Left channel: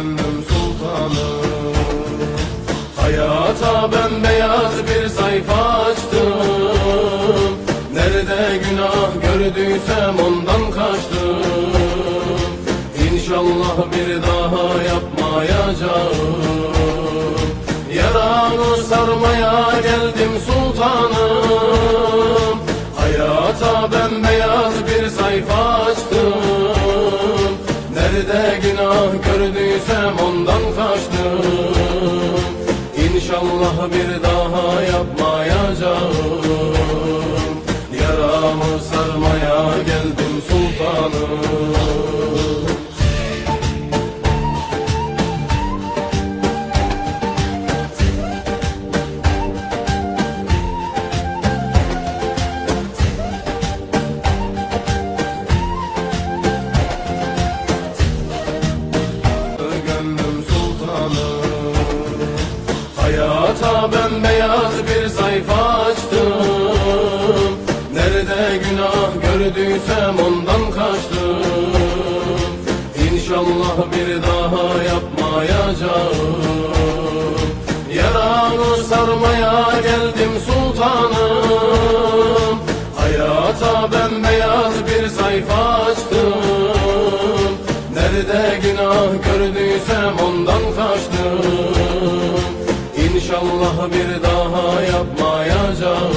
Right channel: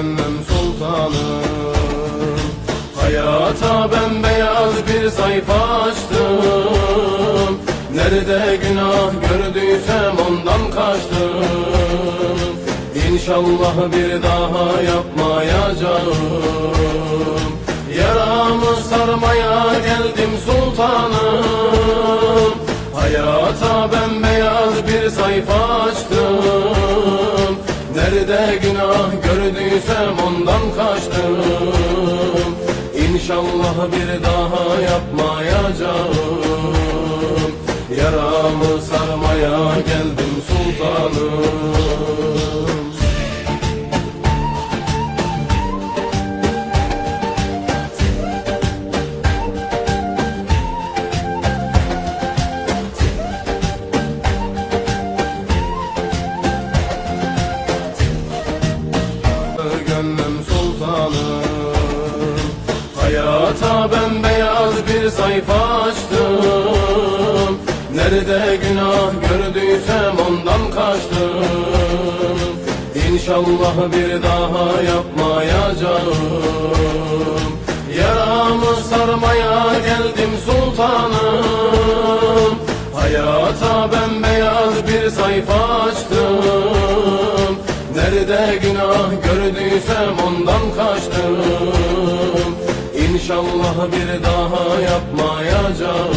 gönlüm sultanım. Hayata bembeyaz bir sayfa açtım. Nerede günah gördüysem ondan kaçtım. İnşallah bir daha yapmayacağım. Yaramı sarmaya geldim sultanım. Hayata bembeyaz bir sayfa açtım. Nerede günah gördüysem ondan kaçtım. İnşallah bir daha yapmayacağım. Yaramı sarmaya geldim sultanım. Gönlüm sultanım. Hayata bembeyaz bir sayfa açtım. Nerede günah gördüysem ondan kaçtım. İnşallah bir daha yapmayacağım. Yaramı sarmaya geldim sultanım. Hayata bembeyaz bir sayfa açtım. Nerede günah gördüysem ondan kaçtım. İnşallah bir daha yapmayacağım.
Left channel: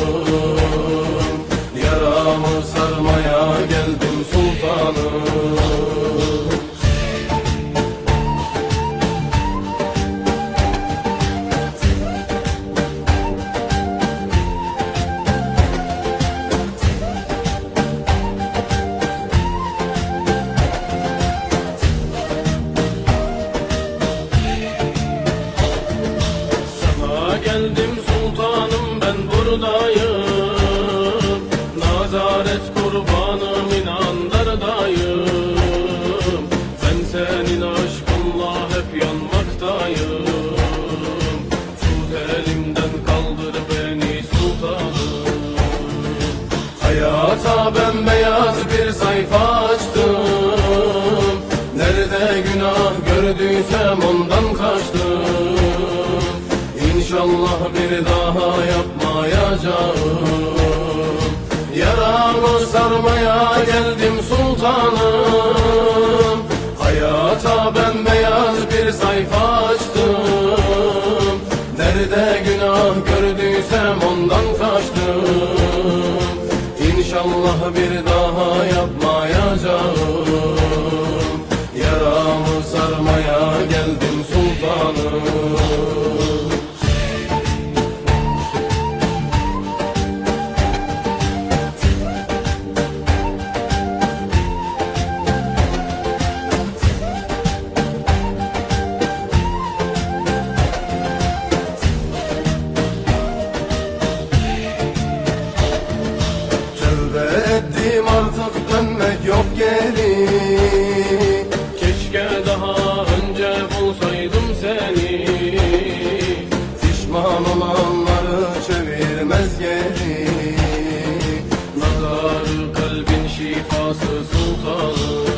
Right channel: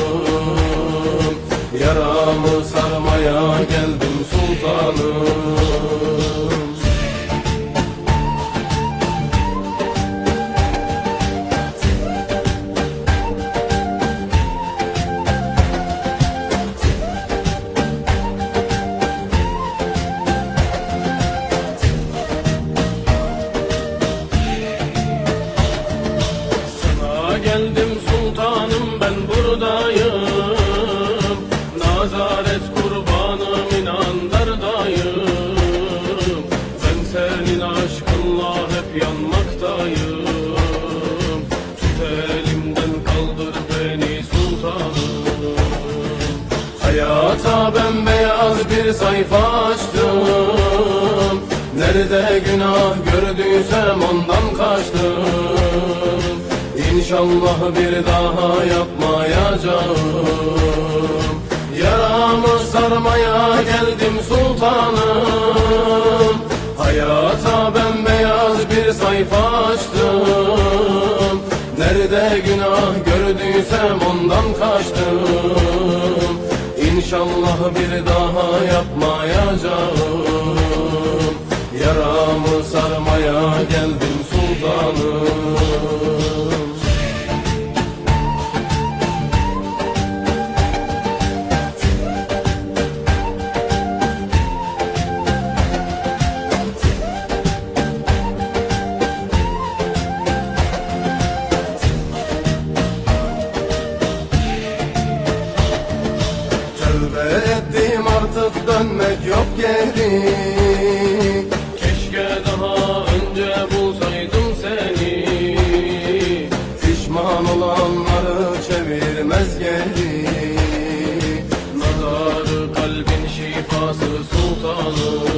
Yaramı sarmaya geldim sultanım. Geldim sultanım, ben buradayım. Nazaret kurbanım, inandırdayım. Ben senin aşkınla hep yanmaktayım. Tut elimden kaldır beni sultanım. Hayata bembeyaz bir sayfa açtım. Nerede günah gördüysem ondan kaçtım. İnşallah bir daha yapmayacağım. Yaramı sarmaya geldim sultanım. Hayata bembeyaz bir sayfa açtım. Nerede günah gördüysem ondan kaçtım. İnşallah bir daha yapmayacağım. Yaramı sarmaya geldim sultanım. Ettim artık dönmek yok geri. Keşke daha önce bulsaydım seni. Pişman olanları çevirmez geri. Nazarı kalbin şifası sultanım.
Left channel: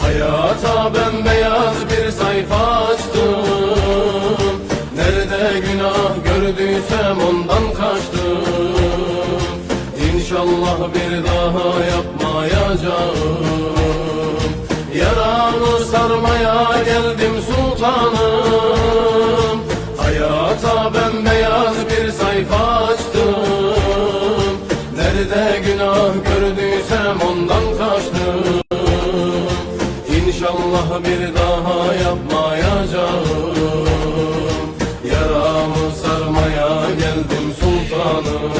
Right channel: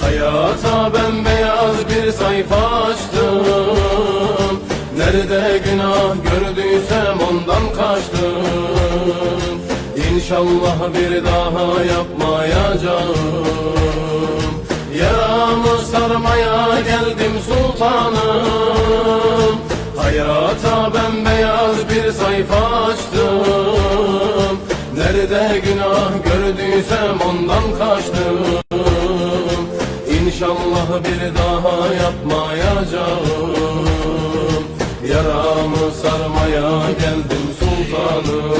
Hayata bembeyaz bir sayfa açtım. Nerede günah gördüysem ondan kaçtım. İnşallah bir daha yapmayacağım. Yaramı sarmaya geldim sultanım. Hayata bembeyaz bir sayfa açtım. Nerede günah gördüysem ondan kaçtım. İnşallah bir daha yapmayacağım. Yaramı sarmaya geldim sultanım.